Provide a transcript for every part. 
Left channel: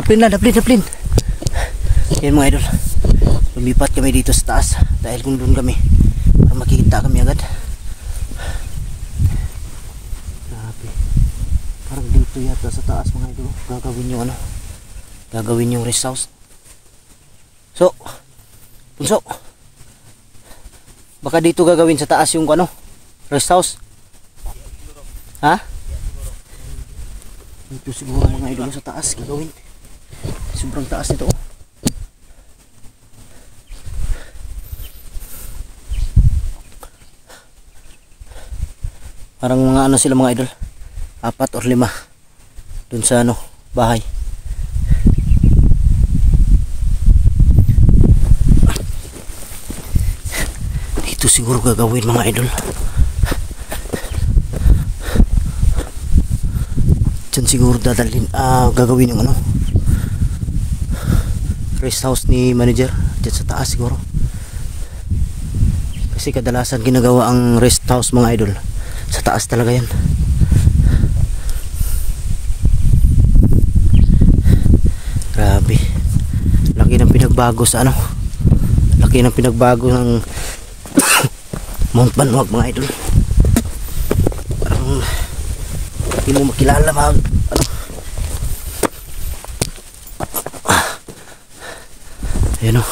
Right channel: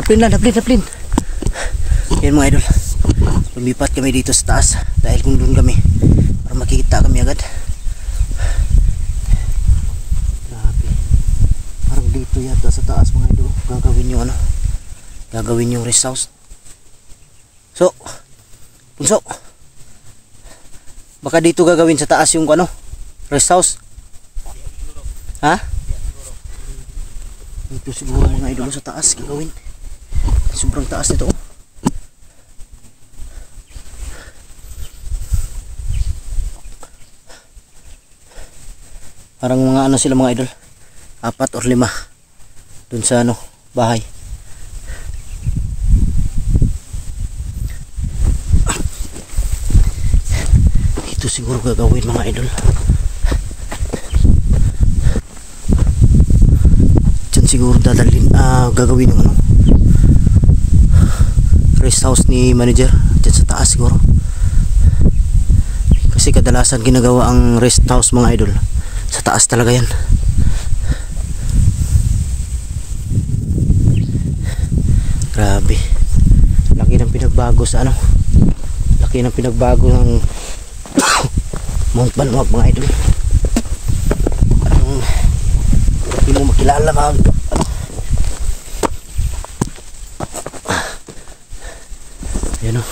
Daplin na, daplin. Yan mga idol. Lumipat kami dito sa taas dahil kung doon kami para makikita kami agad. Grabe. Parang dito yata sa taas mga idol. Gagawin yung ano. Gagawin yung rest house. So, Punso. Baka dito gagawin sa taas yung ano, rest house. Ha? Dito siguro mga idol sa taas gagawin. Sobrang taas nito. Parang mga ano sila mga idol, 4 or 5 dun sa ano, bahay. Dito siguro gagawin mga idol. Diyan siguro dadalhin, gagawin yung ano, rest house ni manager. Diyan sa taas siguro. Kasi kadalasan ginagawa ang rest house mga idol sa taas talaga yan. Grabe. Laki ng pinagbago sa ano. Laki ng pinagbago ng Mount Banwag mga idol. Parang hindi mo makilala mga ano. Ayan o.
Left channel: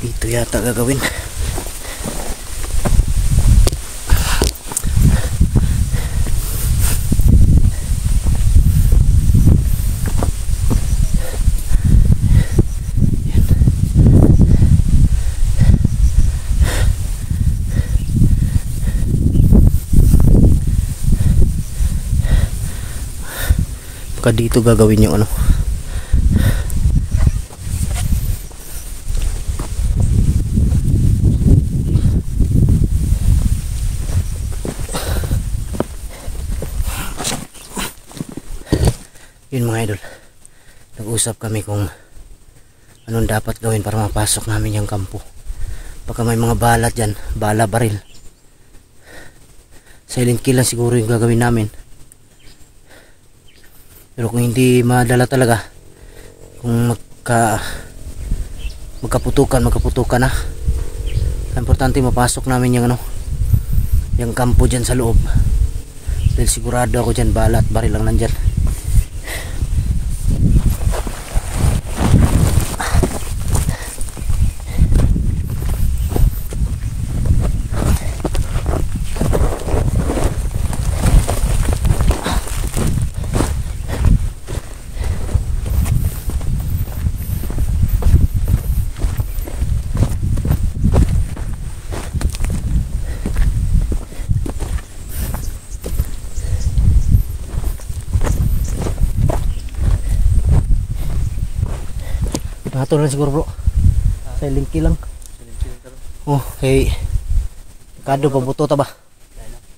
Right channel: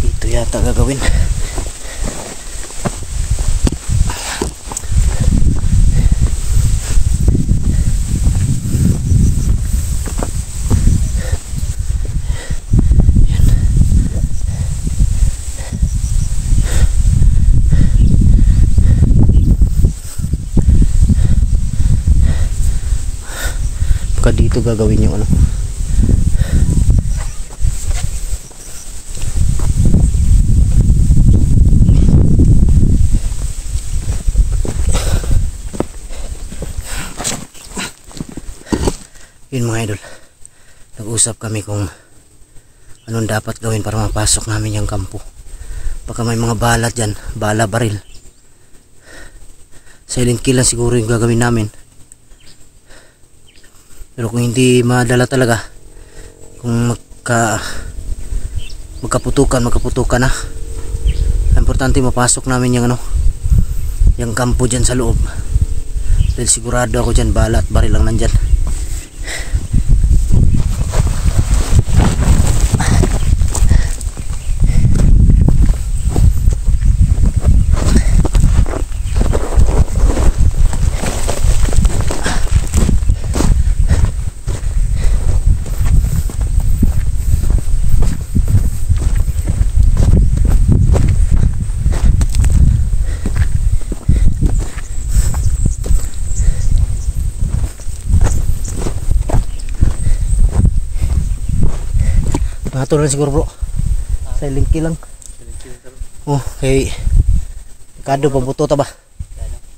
Dito yata gagawin. Baka dito gagawin yung ano. Yun mga idol, nag-usap kami kung anong dapat gawin para mapasok namin yung kampo. Baka may mga bala dyan, bala baril. Silent kill lang siguro yung gagawin namin. Pero kung hindi madala talaga, kung magkaputukan na. Importante mapasok namin yung ano, yung kampo dyan sa loob. Dahil sigurado ako dyan bala at baril lang nandyan. Nato na siguro bro. Silent kill lang. Oh, hey. Kado pa buto ta ba?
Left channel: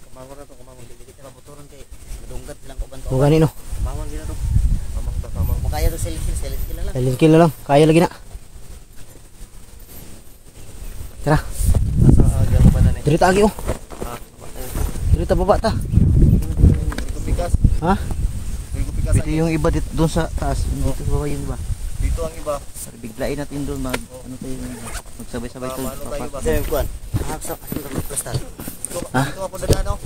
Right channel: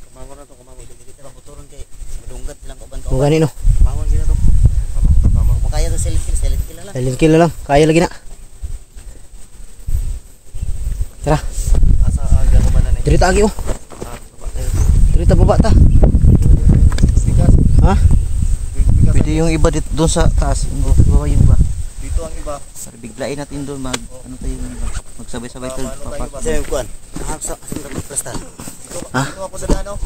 Kamangon na to, kamangon. Buturon kay madunggat lang ko banto. Mo gani no. Kamangon gina to. Kamangon. Kaya to silent kill lang. Silent kill lang. Kaya lagi na. Tara. Nasa aga ko ba na ni? Dirita agi oh. Dirita baba ta. Bigas. Ha? Pwede yung iba dito doon sa taas. Dito ba yung iba? Dito ang iba. Biglain natin doon ano tayo magsabay-sabay tayo papak. Sir kuan. Sa prestan. Ha? Dito ako dadaan daw.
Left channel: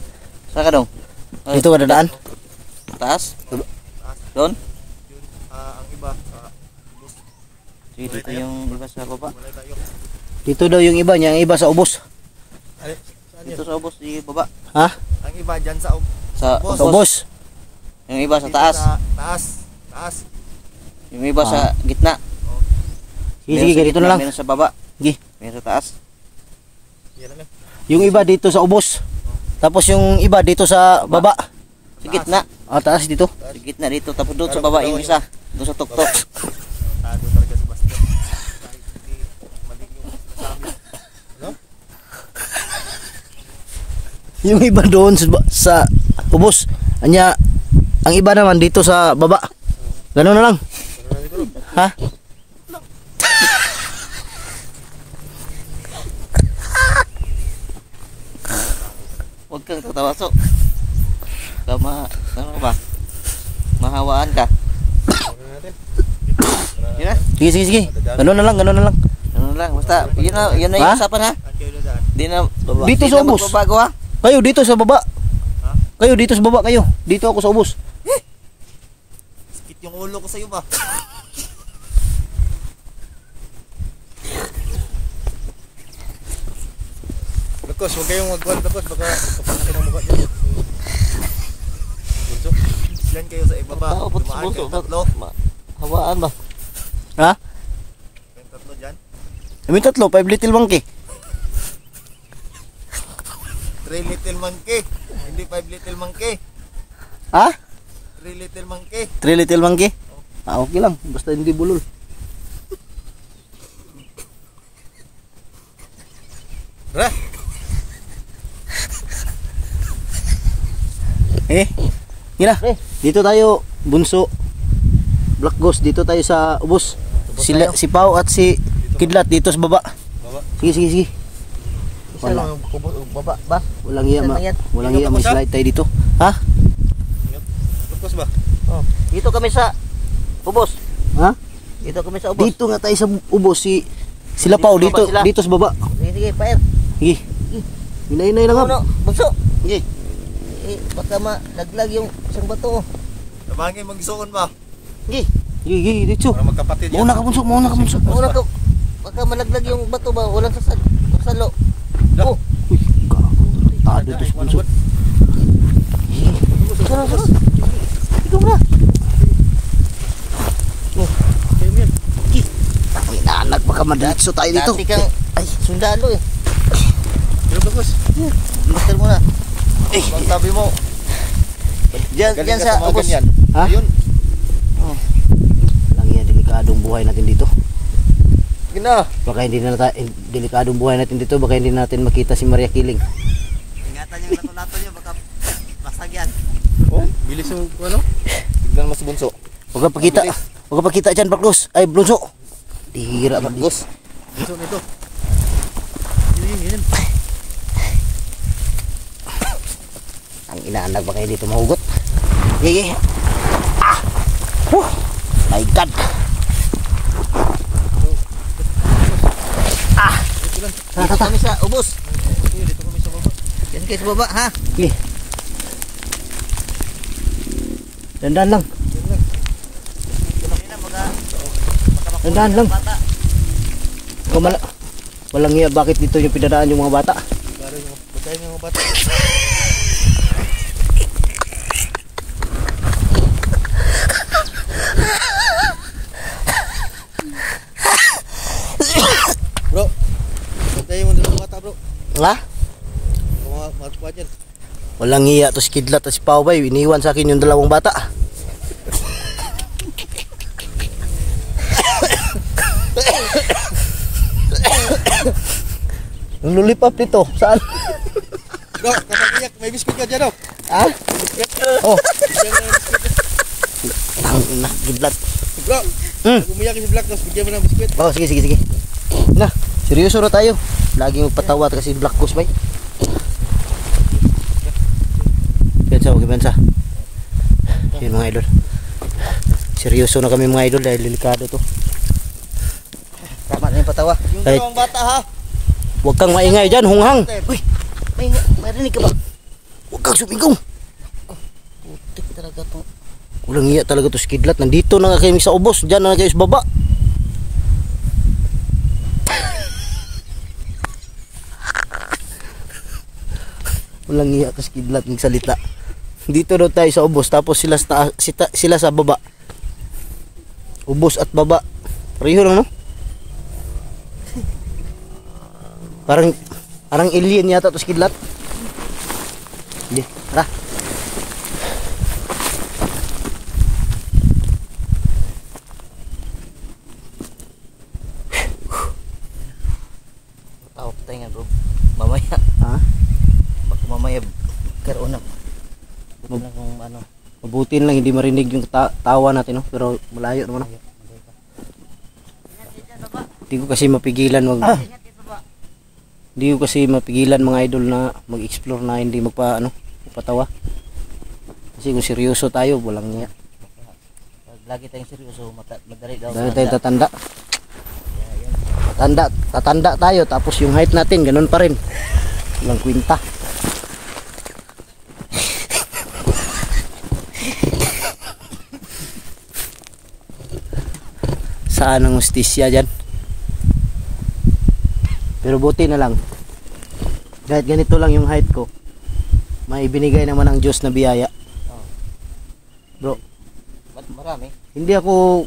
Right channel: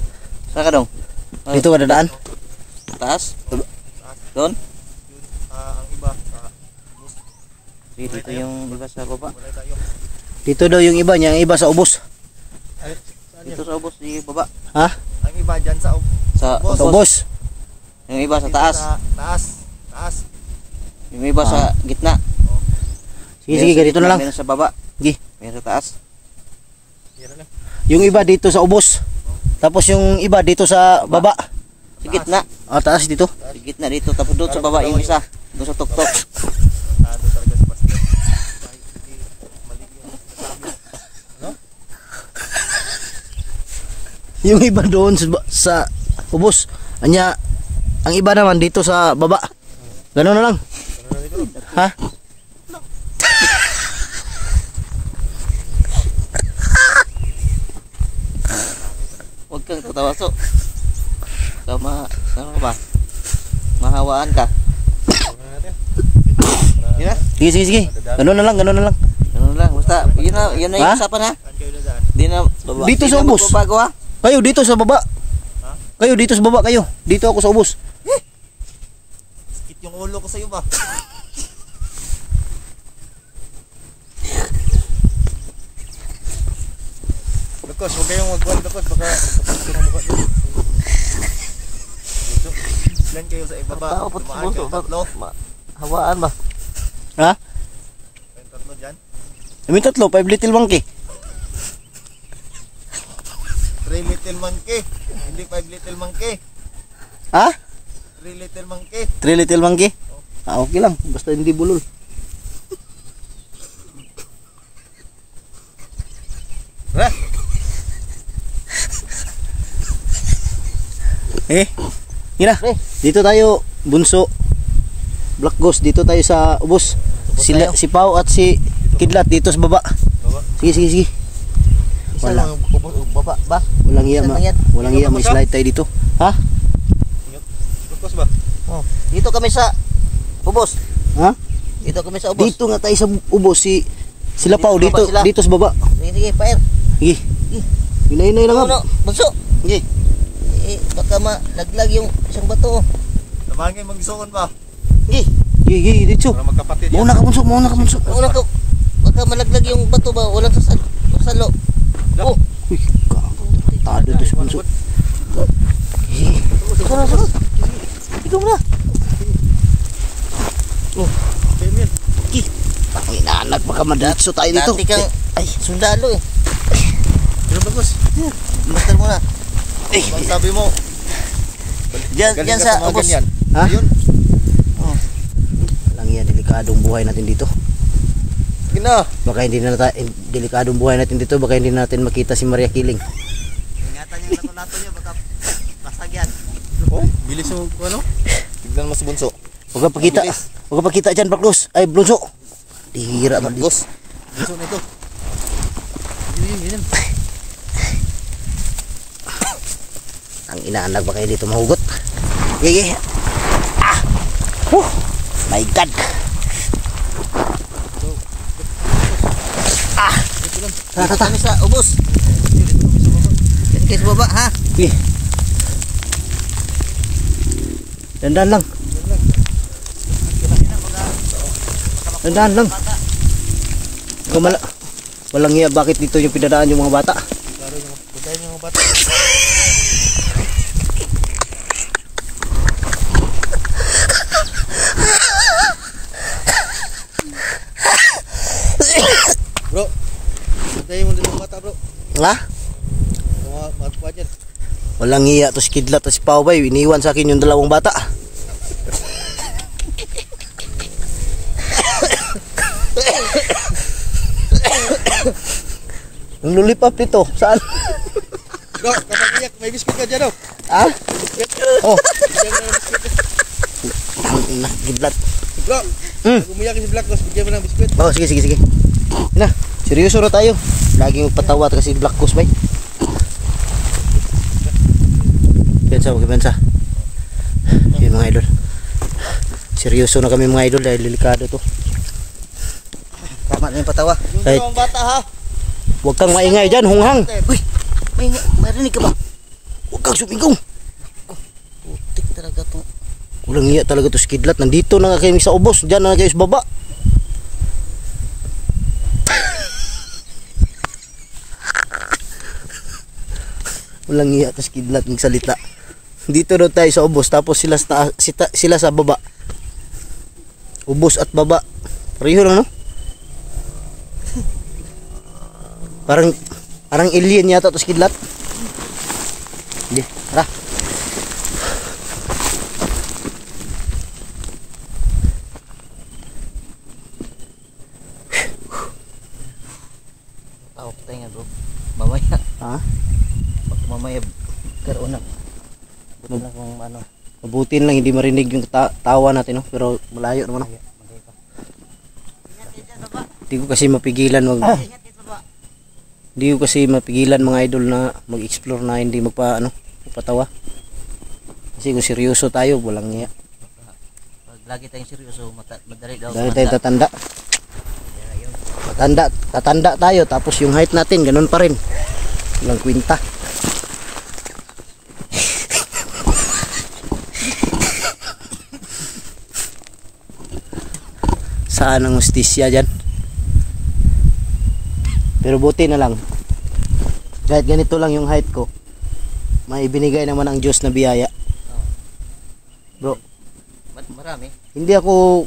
Saan ka daw? Dito ka dadaan? Taas? Doon? Ang iba Dito yung iba sa baba. Dito daw yung iba niya, ang iba sa ubos. Dito sa ubos di baba. Ha? Ang iba diyan sa Sa Sa ubos. Yung iba sa taas. Taas. Yung iba sa gitna. Sige, ganito na lang. Meron sa baba. Sige. Meron sa taas. Yung iba dito sa ubos. Tapos yung iba dito sa baba. Sa gitna. Ah, taas dito. Sa gitna dito. Tapos doon sa baba yung isa. Doon sa tuktok. Yung iba doon sa ubos. Anya, ang iba naman dito sa baba. Gano'n na lang. Ha? Huwag kang tatawaso. Tama ba? mahawaan ka. Yun na. Sige, sige, sige. Ganun na lang, ganun na lang. Ano lang, basta yun na yung Ha? usapan ha. Di na Dito di sa na ubos. magbabago, ha. Kayo dito sa baba. Kayo dito sa baba kayo. Dito ako sa ubos. Sakit yung ulo ko sa iyo ba? Bakos, huwag kayong magkuhan bakos. Baka magkakasya ng mukha dyan. Yan kayo sa ibaba. Tao, pati sa buso. Hawaan ba? Ha? Yung tatlo dyan. Kami tatlo, 5 little monkey. 3 little monkey. Hindi 5 little monkey. Ha? 3 little monkey. 3 little monkey? Ah, okay lang. Basta hindi bulol. Tara. Yun na. Dito tayo, Bunso. Black Ghost, dito tayo sa ubos. Sila, si Pao at si Kidlat dito sa baba. Sige, sige, sige. Isa lang baba ba? Walang iya, walang iya, may slide tayo dito. Ha? Bakos ba? Oh, dito kami sa ubos. Ha? Dito kami sa ubos. Dito nga tayo sa ubos, sila Pao, Dito dito, sa baba sila. dito sa baba. Sige, sige, pair. Sige. Hinay-hinay lang Ano, nga. bunso. Sige. Baka malaglag yung isang bato. Tabangin magsuon ba? Sige. Sige, sige, dito. Para magkapatid Mauna ka, Bunso, mauna ka, Bunso. Una ka, baka malaglag yung bato ba? Walang sasalo. Oh, Uy, gago. Tado ito si Bunso. sunod. Ito na. Ang inaanak, baka madiritso tayo dito. Dati kang Ay, sundalo eh. Pero bakos. Master mo na. Bang sabi mo, Diyan sa ubos. ganyan. ha? Yun. Lang yan, delikadong buhay natin dito. Gina. Baka hindi na delikadong buhay natin dito, baka hindi natin makita si Maria Kiling. Ingatan yung lato-lato nyo, baka basag yan. Oh, bilis mo ano? Tignan mas bunso. Huwag ka pakita. Huwag ka pakita dyan, Baklos. Ay, Blonso. Tihira ka. Bakos. Bunso na to. Ang inaanak ba kayo dito mahugot? Gigi. Ah! My God. Ah! Dito kami sa ubos. Dito kayo sa baba, ha? Sige. Dandan lang. Dandan lang. Walang iya, bakit dito yung pinadaan yung mga bata? Pagkain yung mga bata. Bro, pagkain mo dalawang bata bro. Ha? Mga magpa dyan. Walang iya to si Kidlat at si Pao Bay. Iniwan sa akin yung dalawang bata. Ang lulipap dito. Saan? Bro, kapag iyak, may biskuit ka dyan oh. Ha? Oh. Bigyan mo ng biskuit. Ang ina, Kidlat. Bro, Hmm. pag umiyak si Black Ghost, bigyan mo ng biskuit. Oh, sige, sige, sige. Na, seryoso na tayo. Laging magpatawa kasi Black Ghost Bay. Pensa, okay, pensa. Yun mga idol. Seryoso na kami mga idol dahil delikado to. Tama na yung patawa. Kahit Dalawang bata ha. huwag kang maingay dyan, hunghang. Uy, may marinig ka ba? Huwag kang sumigaw. Putik talaga to. Walang iya talaga to si Kidlat. Nandito na nga kayo sa ubos. Diyan na kayo sa baba. Walang iya to si Kidlat magsalita. Dito daw tayo sa ubos. Tapos sila sa, sila sa baba. Ubos at baba. Pareho lang, no? Parang alien yata to si Kidlat. Hindi, tara. Oh, tayo nga bro. Mamaya. Ha? Mamaya. Karoon na. Buti na kung ano. Mabuti lang hindi marinig yung tawa natin, no? Pero malayo naman, no? Hindi ko kasi mapigilan hindi ko kasi mapigilan mga idol na mag-explore na hindi magpatawa. Kasi kung seryoso tayo, walang niya. lagi tayong seryoso, madali daw. Dahil tayo tatanda. Kaya yun. Tatanda tayo, tapos yung height natin, ganun pa rin. Walang kwinta. Saan ang hustisya dyan? Pero buti na lang. Kahit ganito lang yung height ko, may binigay naman ang Diyos na biyaya. Oh. Bro, Ba't marami? hindi ako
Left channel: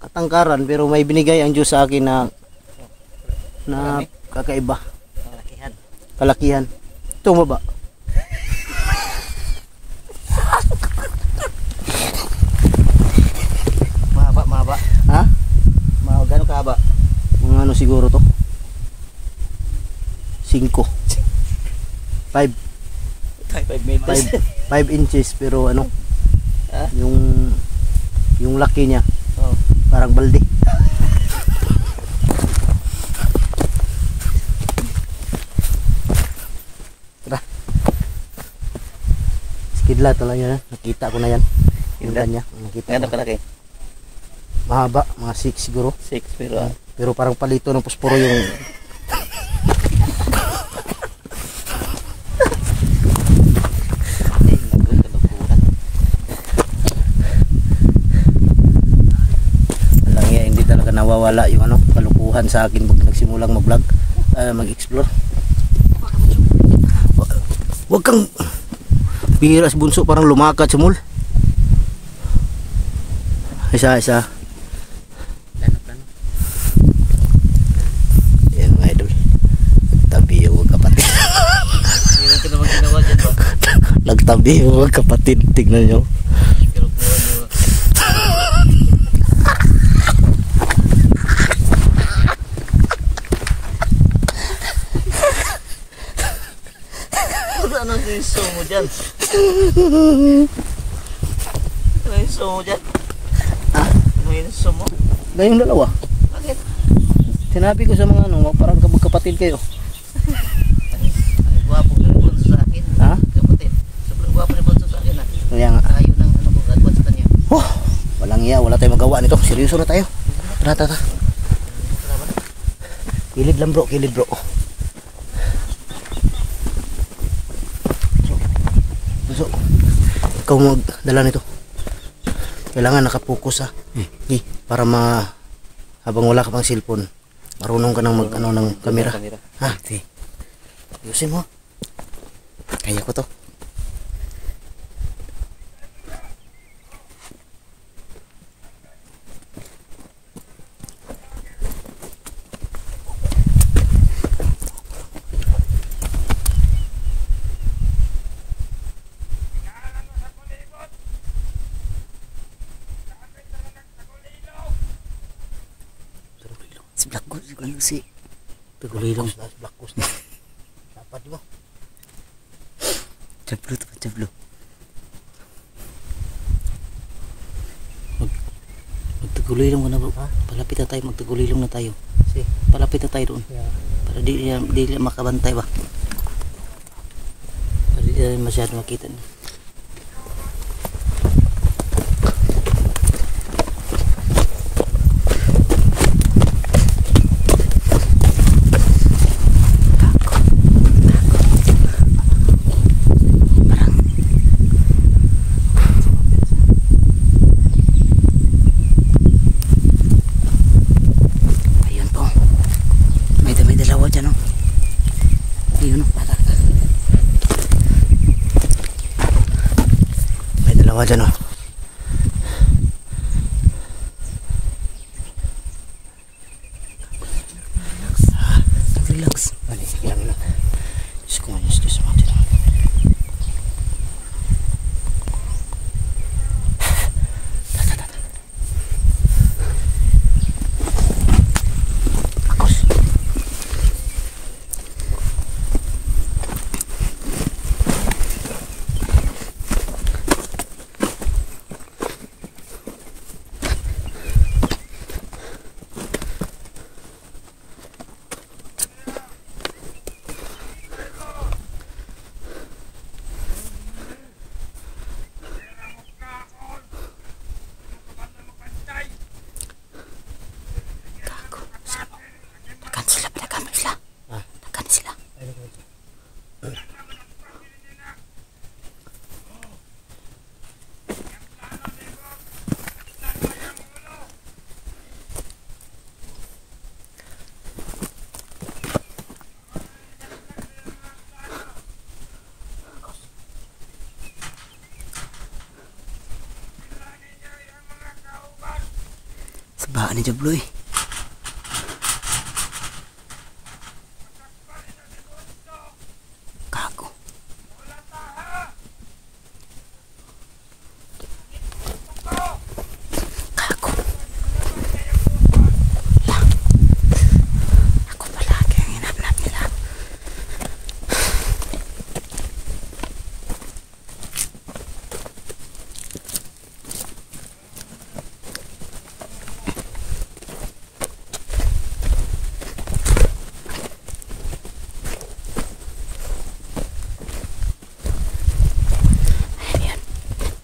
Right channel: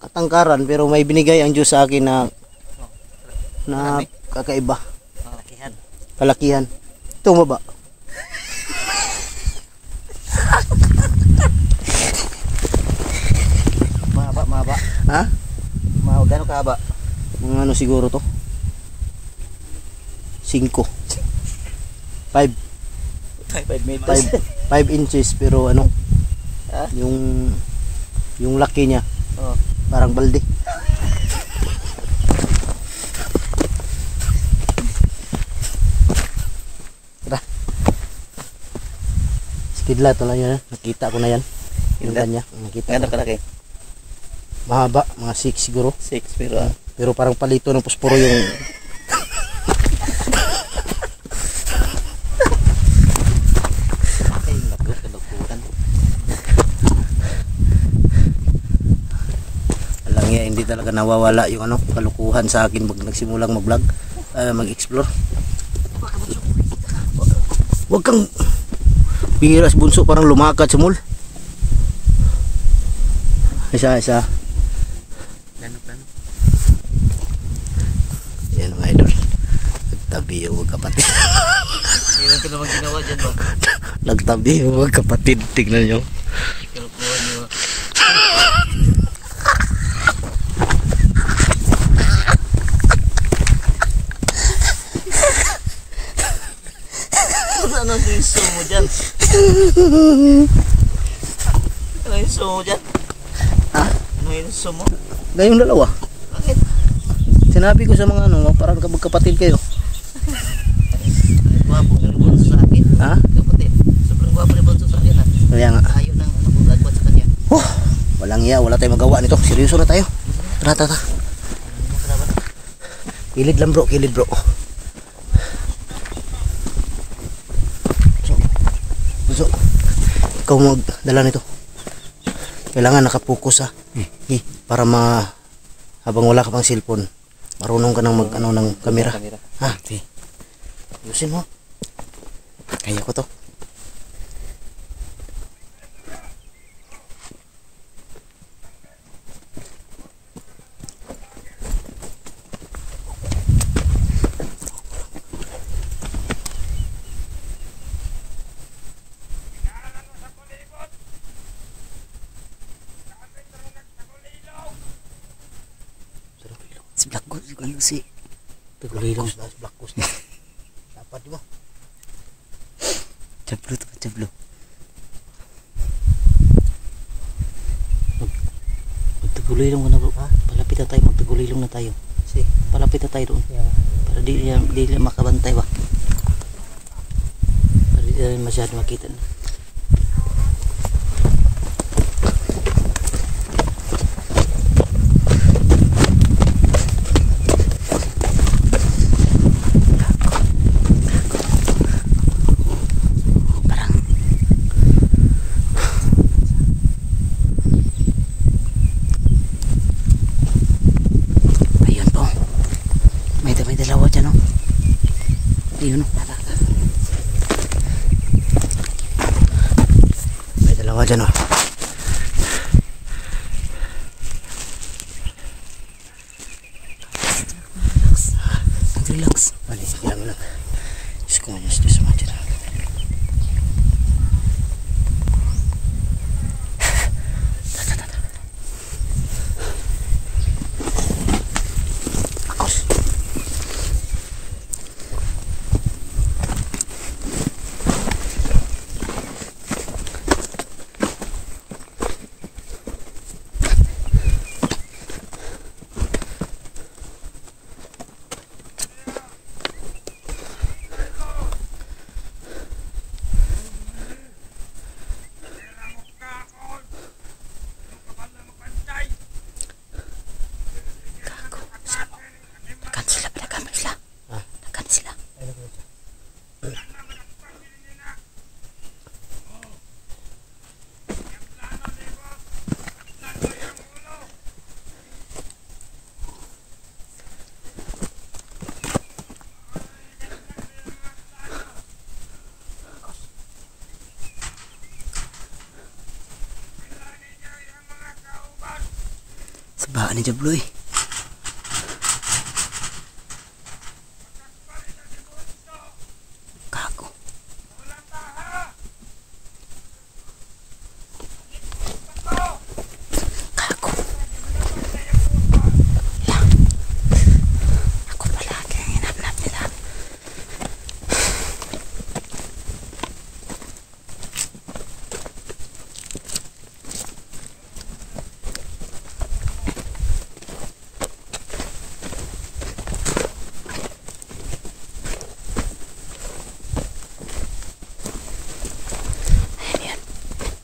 katangkaran, pero may binigay ang Diyos sa akin na Marami? kakaiba. Oh, kihan. Kalakihan. Ito ba? Mahaba. Ha? Gano'ng kahaba? Mga ano siguro to? 5. 5 5 meters. 5 inches, pero ano? Ha? Yung laki niya, Oh. parang balde. Tara. Kidlat lang yun. Nakita ko na yan. Yung Kidlat? kanya. Nakita Gano'ng ko. kalaki? Mahaba, mga 6 siguro. 6 pero Pero parang palito ng posporo yung nagkukulan. Alang yan, hindi talaga nawawala yung ano, kalukuhan sa akin pag nagsimulang mag-vlog, mag-explore. Huwag kang bihiras bunso, parang lumakat sa mall. Isa. Yan mga idol. Nagtabi yung mga kapatid. Meron ka naman ginawa dyan ba? Nagtabi yung mga kapatid. Tignan nyo. Kalukuhan nyo. Ano ang gusto mo dyan? Ano yung gusto mo dyan? Ha? Ano yung gusto mo? Gayong dalawa. Bakit? Sinabi ko sa mga ano, parang magkapatid kayo. Gwapo ka rin bunso sa akin. Ha? Kapatid, sobrang gwapo rin bunso sa akin. Kaya nga. Ayaw ng ano kung gagawin sa kanya. Walang iya, wala tayong magawa nito. Seryoso na tayo. Tara. Kilid lang bro, kilid bro. So, ikaw magdala nito. Kailangan nakapokus ha. Okay, para habang wala ka pang cellphone, marunong ka nang mag-ano ng kamera. Ha? Okay. Ayusin mo. Kaya ko to. Si Blackgus, ano si Tagulilong. Blackgus. Dapat mo. Jablo to, jablo. Magtagulilong ka na bro. Palapit na tayo, magtagulilong na tayo. Palapit na tayo doon. Para di makabantay ba. Para di masyado makita na. May dalawa dyan oh. Ayun oh. May dalawa dyan oh. Relax. Balik, sige lang. Diyos ko, Diyos mo dyan. Baha ni Jabloy. Kago. Kago. Lah. Ako palagi ang hinap-nap nila.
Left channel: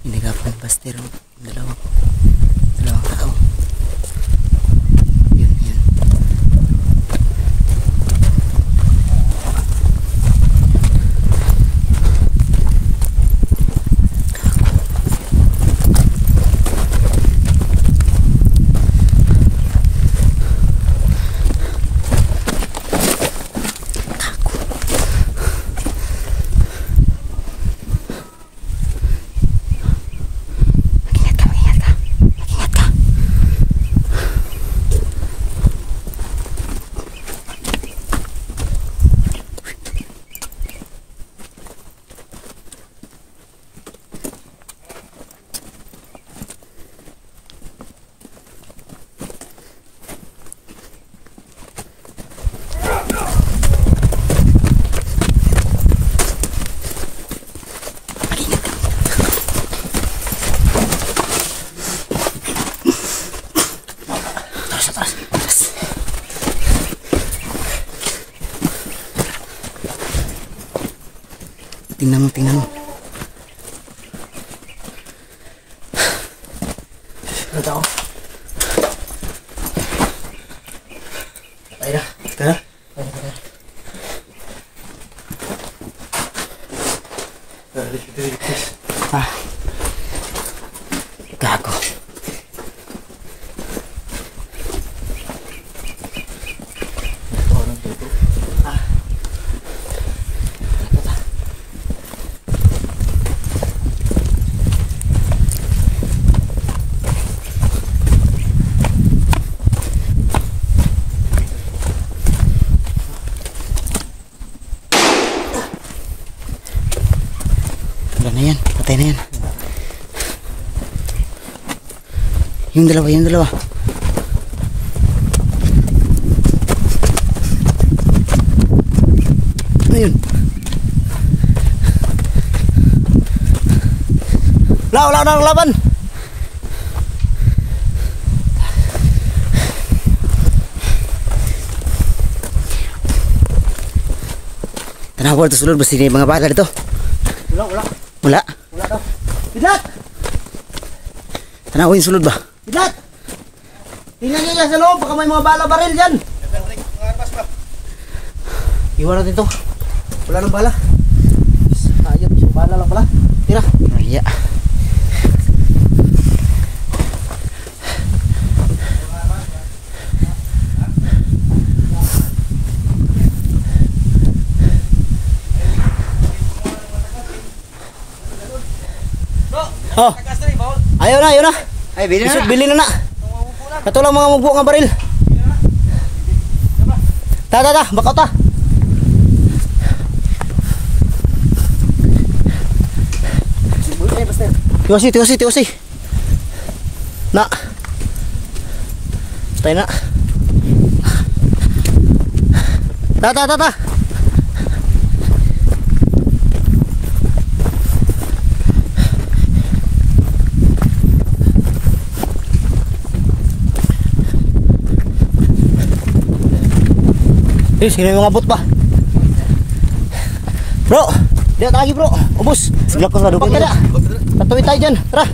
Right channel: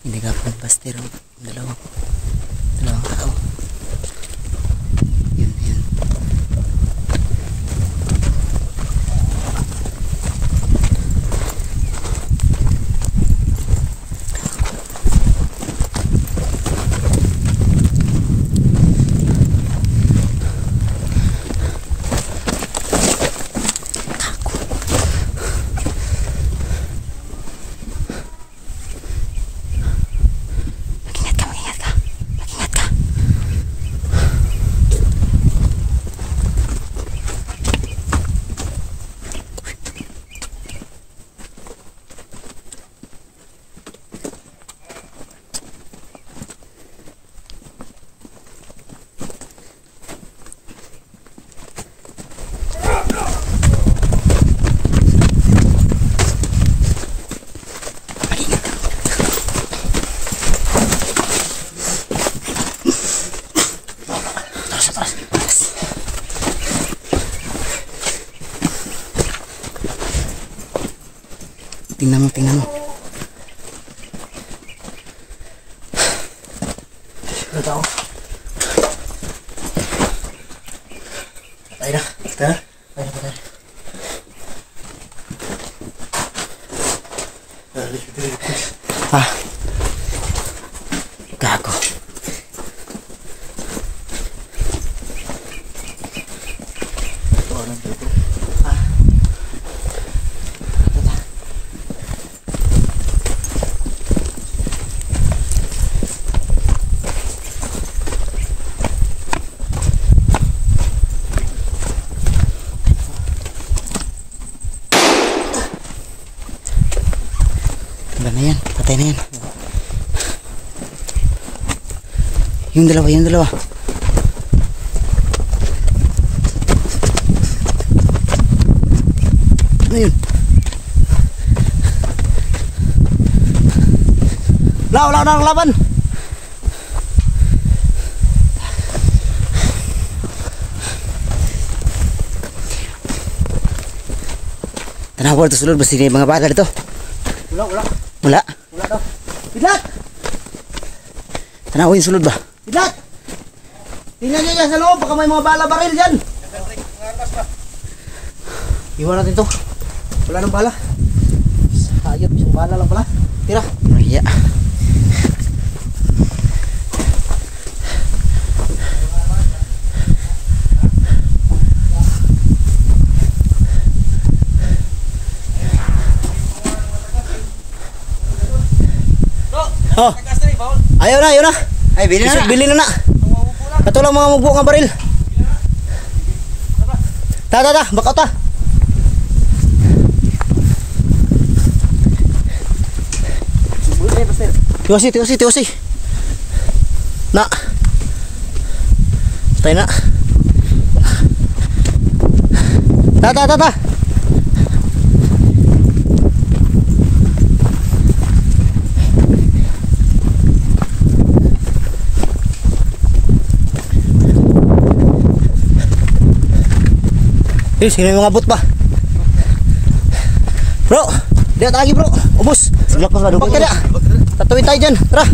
Inagapan baster ang dalawang tao. Yun. Tingnan mo. Ano tao? Patay na. Patay na. Ah. Gago. Wala na yan, patay na yan. Yung dalawa. Ano yun? Wala na ang laban. Tanawa ito sulod, basta yung mga bala dito. Wala daw. Pidlat! Tanawa yung sulod ba? Pidlat! Tingnan nyo dyan sa loob, baka may mga bala baril dyan. Iwan natin ito. Wala nang bala. Ayop, isang bala lang pala. Tira. Iya. Oh. Ayaw na. Ay, Bili na. Katulang mga mugbo nga baril. Ta, bakaw ta. Tiwasi. Na. Stay na. Ta. Sino yung mga bot pa? Bro, lihat lagi bro. Ubus. Silap ka nga doon. Pagkada. Tatuwid tayo dyan. Tara.